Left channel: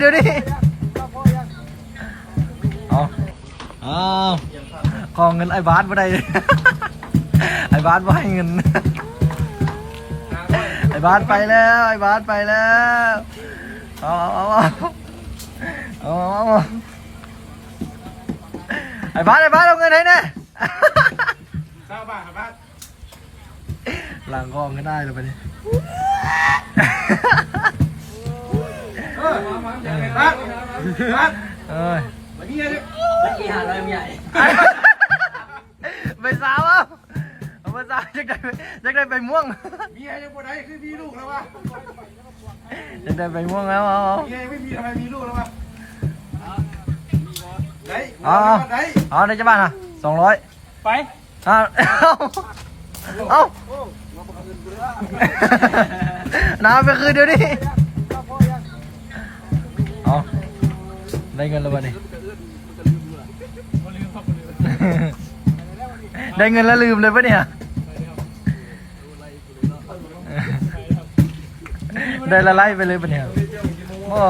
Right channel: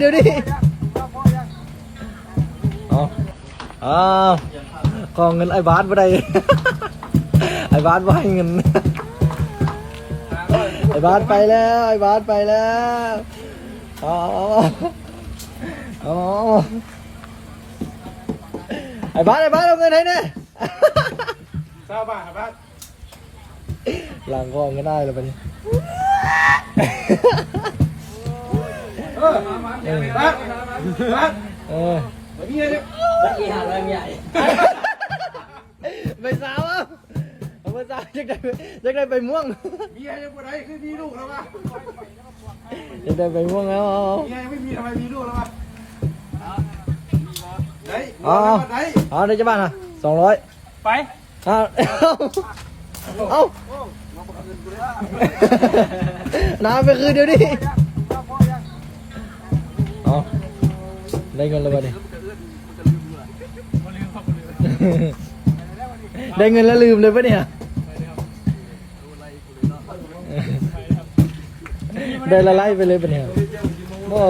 เดี๋ยวดิอ้าวกองเงินไอ้บาสบ่ได้ ไอ้บาสบ่ให้เงิน ไอ้บาสไปแล้วไอ้บาสไปแล้วเอาไอ้บาสเอาเงินให้แน่ ทราบป่ะครับบ้าน หลังก็เอาเงินได้แล้วไปนี่ มาเอ้ยไปพี่เลย เมื่อกี้หาเริ่มใหญ่ ไปสาวอ่ะไปสาวจะได้ไปม่วง มีอะไรบ่ได้คือมีลูกแล้ววะ จะได้ไปม่วงแล้วเอา มีอะไรไม่มีทำไมมีลูกแล้ววะไหน เอาในจะบ้านอ่ะ200 ไป เอาน้ำไปคืนเดี๋ยวดิเอาได้เงินแล้วบ่ดิได้เงินแล้วลืมเลยปะเนี่ยได้ละไล่ไปเลยปะเนี่ยโอ้